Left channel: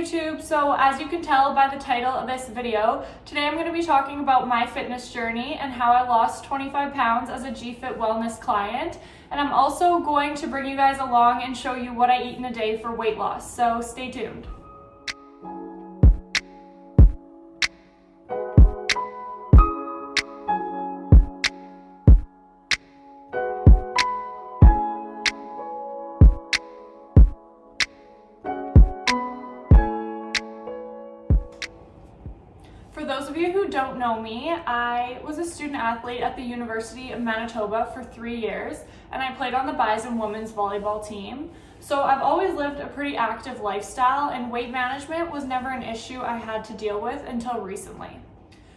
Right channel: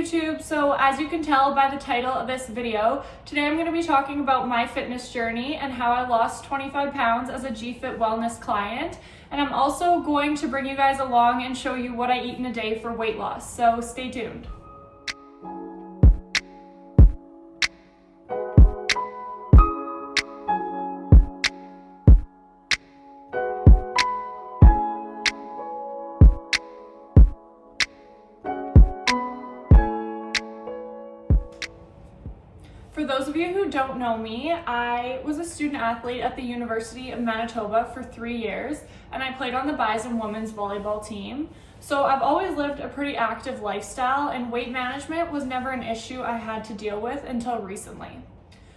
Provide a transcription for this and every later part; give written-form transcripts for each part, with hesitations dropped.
YouTube. So as you can tell by the title of this video, today I'm going to be talking about my fitness journey and how I lost 25 pounds as a GFit wellness client. And I'm also going to bring you guys along and show you what I eat in a day for weight loss. So stay tuned. For those of you who don't know me, I was a student athlete at the University of Manitoba for 3 years, and I played on the Bison women's volleyball team. So I've always lived a pretty active lifestyle, and weight management was never an issue I had to deal with until recently.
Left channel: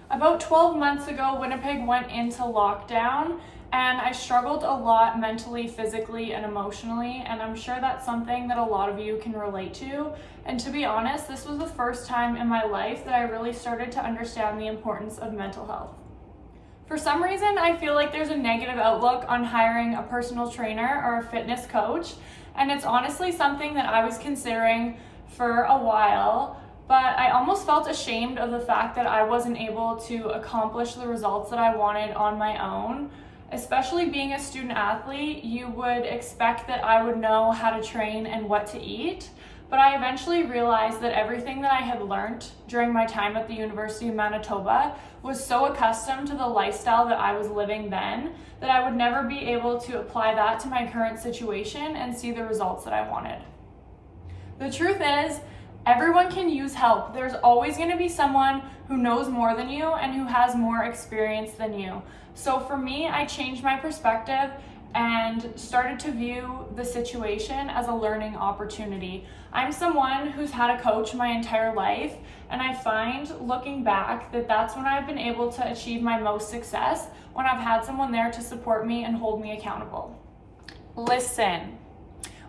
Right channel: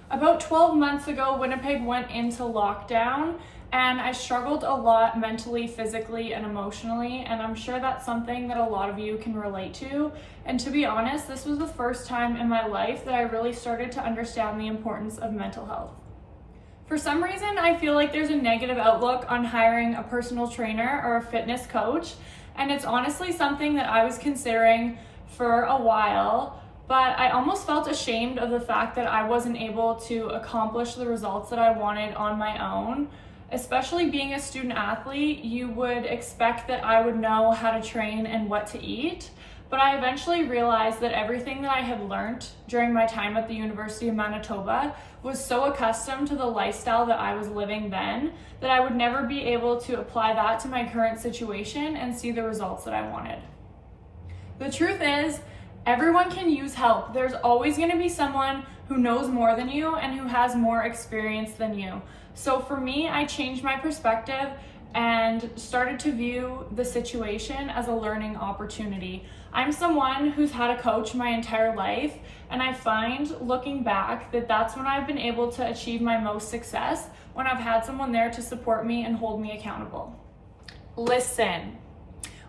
About 12 months ago, Winnipeg went into lockdown, and I struggled a lot mentally, physically, and emotionally, and I'm sure that's something that a lot of you can relate to. And to be honest, this was the first time in my life that I really started to understand the importance of mental health. For some reason, I feel like there's a negative outlook on hiring a personal trainer or a fitness coach, and it's honestly something that I was considering for a while, but I almost felt ashamed of the fact that I wasn't able to accomplish the results that I wanted on my own. Especially being a student athlete, you would expect that I would know how to train and what to eat, but I eventually realized that everything that I had learned during my time at the University of Manitoba was so accustomed to the lifestyle that I was living then that I would never be able to apply that to my current situation and see the results that I wanted. The truth is, everyone can use help. There's always going to be someone who knows more than you and who has more experience than you. So for me, I changed my perspective and started to view the situation as a learning opportunity. I'm someone who's had a coach my entire life, and I find looking back that that's when I've been able to achieve my most success, when I've had someone there to support me and hold me accountable. Listen.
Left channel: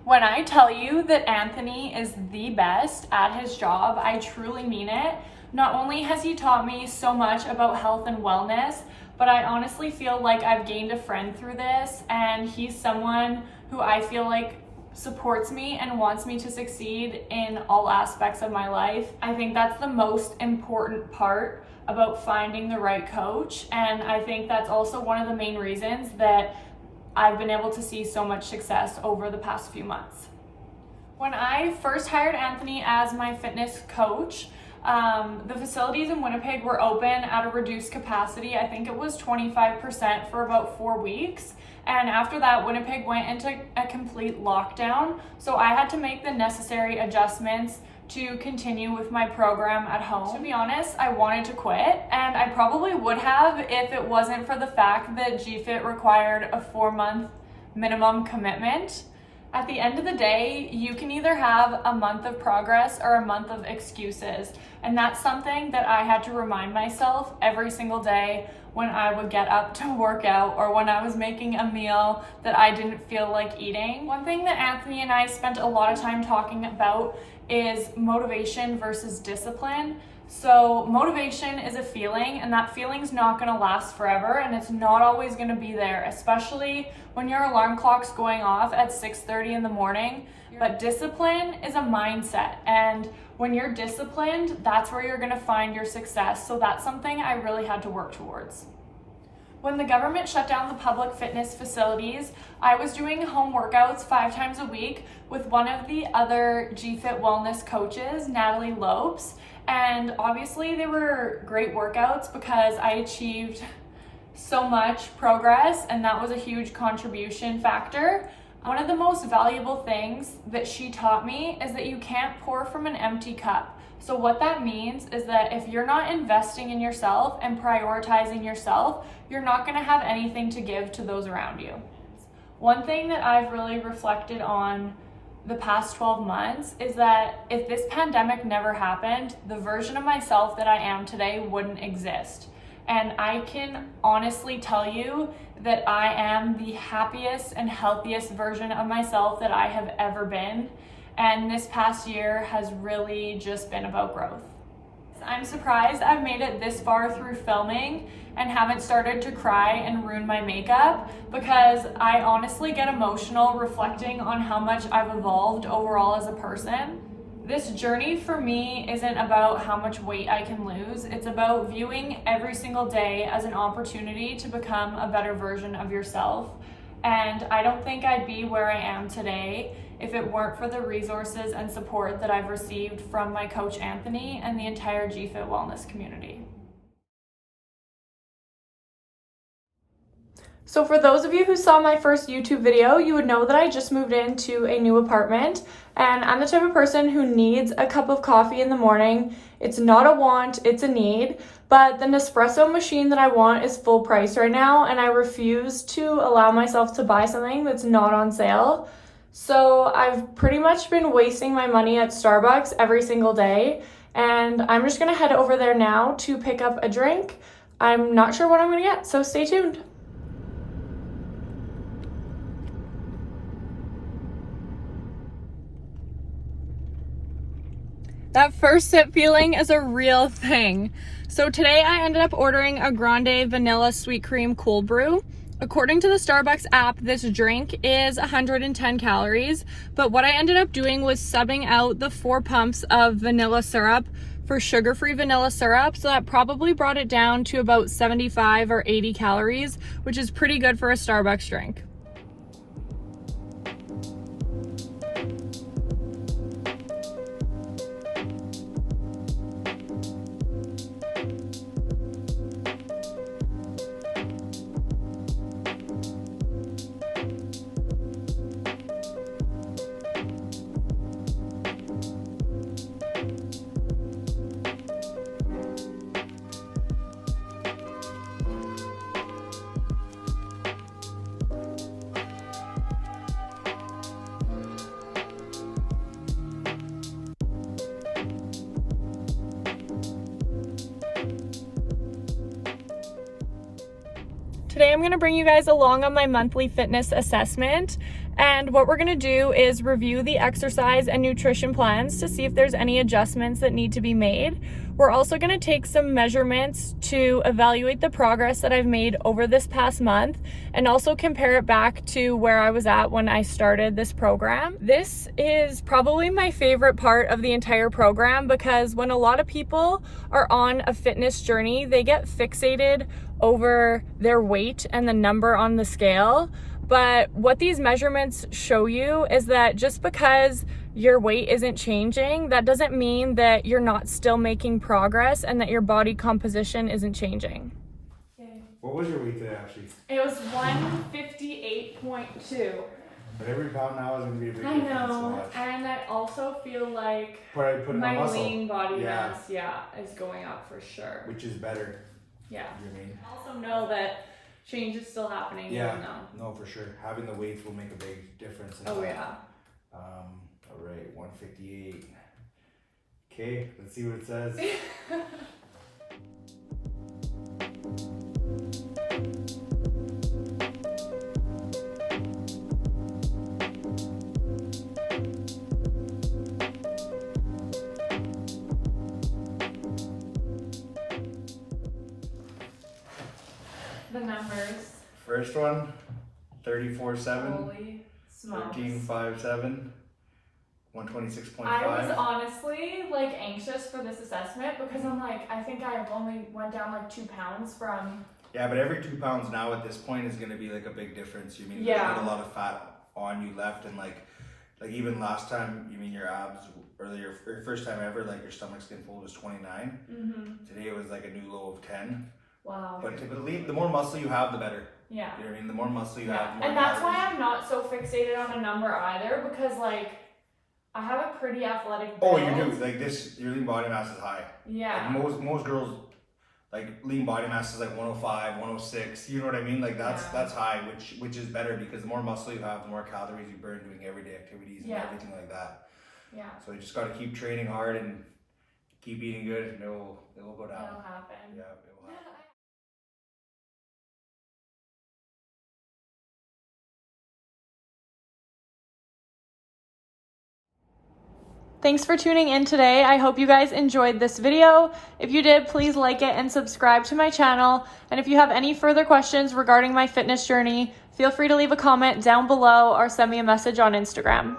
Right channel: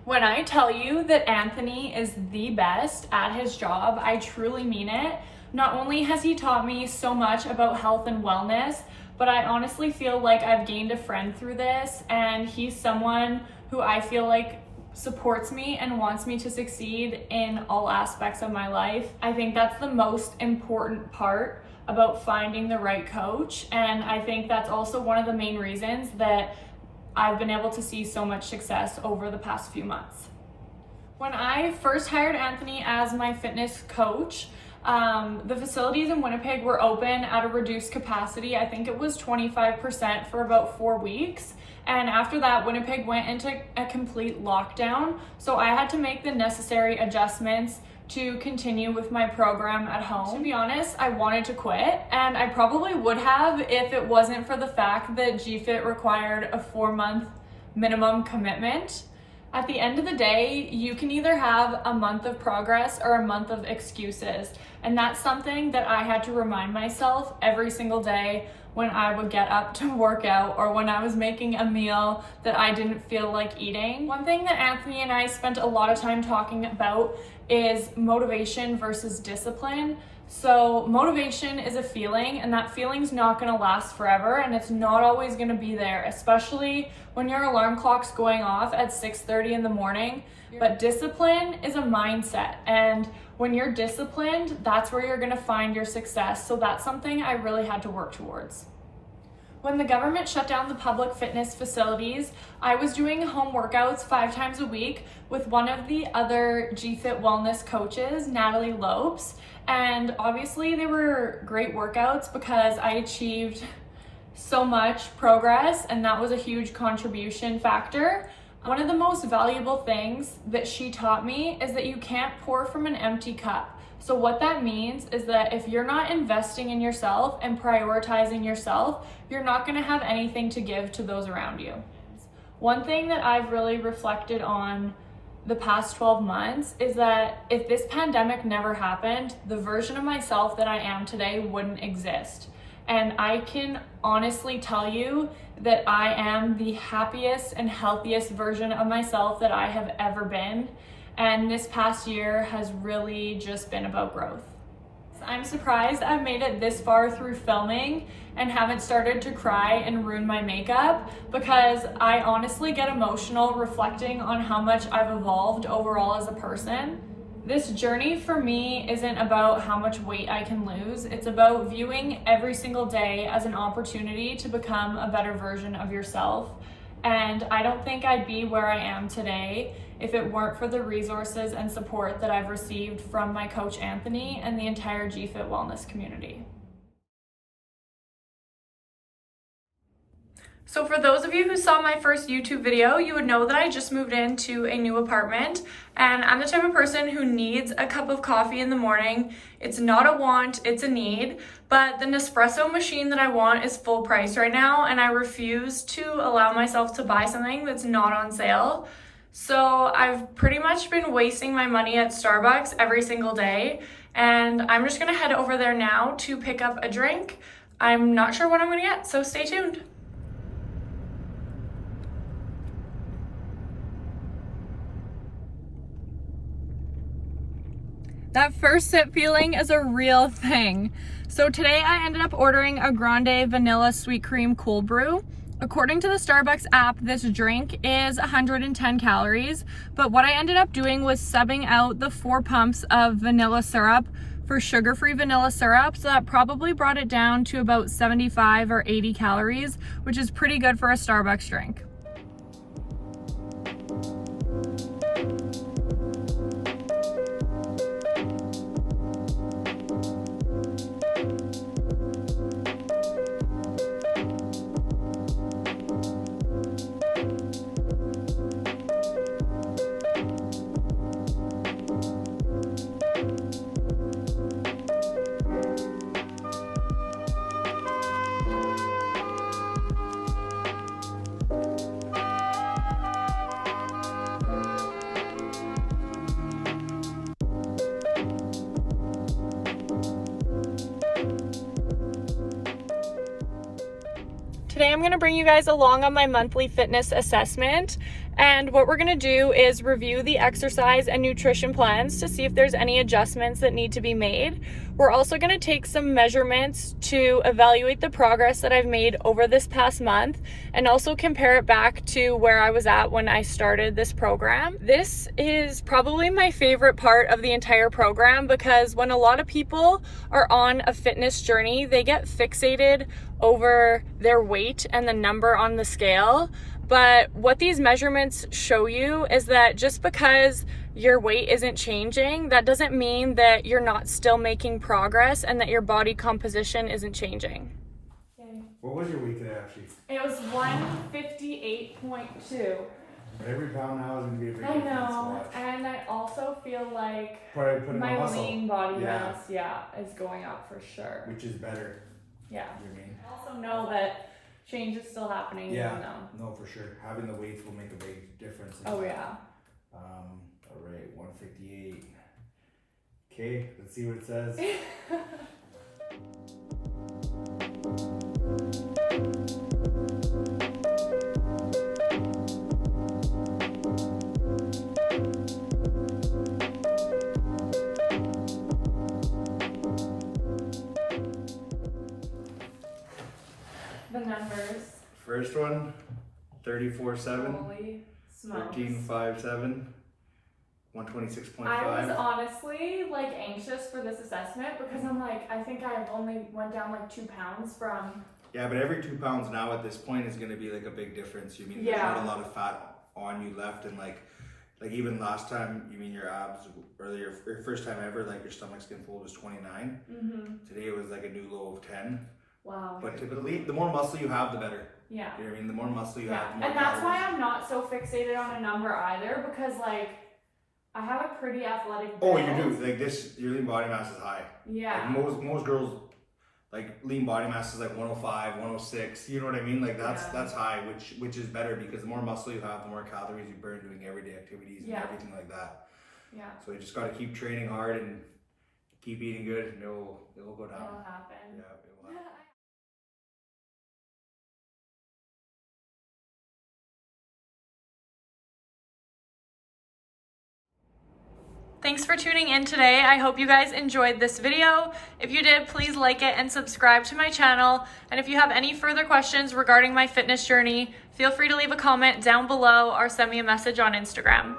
When I tell you that Anthony is the best at his job, I truly mean it. Not only has he taught me so much about health and wellness, but I honestly feel like I've gained a friend through this, and he's someone who I feel like supports me and wants me to succeed in all aspects of my life. I think that's the most important part about finding the right coach, and I think that's also one of the main reasons that I've been able to see so much success over the past few months. When I first hired Anthony as my fitness coach, the facilities in Winnipeg were open at a reduced capacity. I think it was 25% for about 4 weeks. And after that, Winnipeg went into a complete lockdown. So I had to make the necessary adjustments to continue with my program at home. To be honest, I wanted to quit, and I probably would have if it wasn't for the fact that GFit required a 4-month minimum commitment. At the end of the day, you can either have a month of progress or a month of excuses. And that's something that I had to remind myself every single day when I would get up to work out or when I was making a meal that I didn't feel like eating. One thing that Anthony and I spent a lot of time talking about is motivation versus discipline. So motivation is a feeling, and that feeling's not gonna last forever, and it's not always gonna be there, especially when your alarm clock's going off at 6:30 in the morning. But discipline is a mindset, and when you're disciplined, that's where you're gonna find your success. So that's something I really had to work towards. When the government shut down the public fitness facilities, I was doing home workouts 5 times a week with one of the other GFit wellness coaches, Natalie Lopes. And obviously they were great workouts because I achieved so much progress, and that was a huge contribution factor. One of the most valuable things that she taught me is that you can't pour from an empty cup. So what that means is that if you're not investing in yourself and prioritizing yourself, you're not going to have anything to give to those around you. One thing that I've really reflected on the past 12 months is that if this pandemic never happened, the version of myself that I am today wouldn't exist. And I can honestly tell you that I am the happiest and healthiest version of myself that I have ever been. And this past year has really just been about growth. I'm surprised I've made it this far through filming and haven't started to cry and ruin my makeup, because I honestly get emotional reflecting on how much I've evolved overall as a person. This journey for me isn't about how much weight I can lose. It's about viewing every single day as an opportunity to become a better version of yourself. And I don't think I'd be where I am today if it weren't for the resources and support that I've received from my coach Anthony and the entire GFit wellness community. So for those of you who saw my first YouTube video, you would know that I just moved into a new apartment, and I'm the type of person who needs a cup of coffee in the morning. It's not a want, it's a need, but the Nespresso machine that I want is full price right now, and I refuse to allow myself to buy something that's not on sale. So I've pretty much been wasting my money at Starbucks every single day, and I'm just gonna head over there now to pick up a drink. I'm not sure what I'm gonna get, so stay tuned. That first sip feeling is a real thing. So today I ended up ordering a grande vanilla sweet cream cold brew. According to the Starbucks app, this drink is 110 calories, but what I ended up doing was subbing out the 4 pumps of vanilla syrup for sugar-free vanilla syrup, so that probably brought it down to about 75 or 80 calories, which is pretty good for a Starbucks drink. Today I'm gonna bring you guys along on my monthly fitness assessment, and what we're gonna do is review the exercise and nutrition plans to see if there's any adjustments that need to be made. We're also gonna take some measurements to evaluate the progress that I've made over this past month and also compare it back to where I was at when I started this program. This is probably my favorite part of the entire program because when a lot of people are on a fitness journey, they get fixated over their weight and the number on the scale. But what these measurements show you is that just because your weight isn't changing, that doesn't mean that you're not still making progress and that your body composition isn't changing. What was your weight today, actually? It was 158.2. But every pound now is going to be a big I difference. know, and I also feel like Put my muscle. lean body mass, is going up for sure. Which is better. Yeah. You know what I mean? I also know that change is still happening. Yeah, even though. no, for sure. Having the weights will make a big difference. Oh, yeah. All right, 158. Okay, let's see what it says. The numbers. First one, 34.7. Holy smokes. 13.57. 126.5. I was honestly like anxious for this assessment because I'm like, I think I only went down like 2 pounds from. Yeah, but every 2 pounds now at this point is going to be like a big difference. You mean there's not a lot of fat on you left, and like even last time, you mean your abs or your first time ever, like your stomach skin fold was 29. Mm-hmm. Today it was like a new low of 10. Wow. But the more muscle you have, the better. Yeah. You know what I mean? The more muscle you have, the more. And that's why I'm not so fixated on a number either, because like I have a pretty athletic build. Oh, you do. Like this, your lean body mass is high. Yeah. Like most girls, like lean body mass is like 105, 106. You know what I mean? Like that's high, which is better because the more muscle you have, the more calories you burn doing everyday activities and everything like that. Yeah. So you just got to keep training hard and keep eating good, and it will go down. It'll happen. Yeah, it will happen. Thanks for tuning in today. I hope you guys enjoyed this video. If you did, please like it and subscribe to my channel. And if you have any further questions regarding my fitness journey, feel free to leave a comment down below or send me a message on Instagram.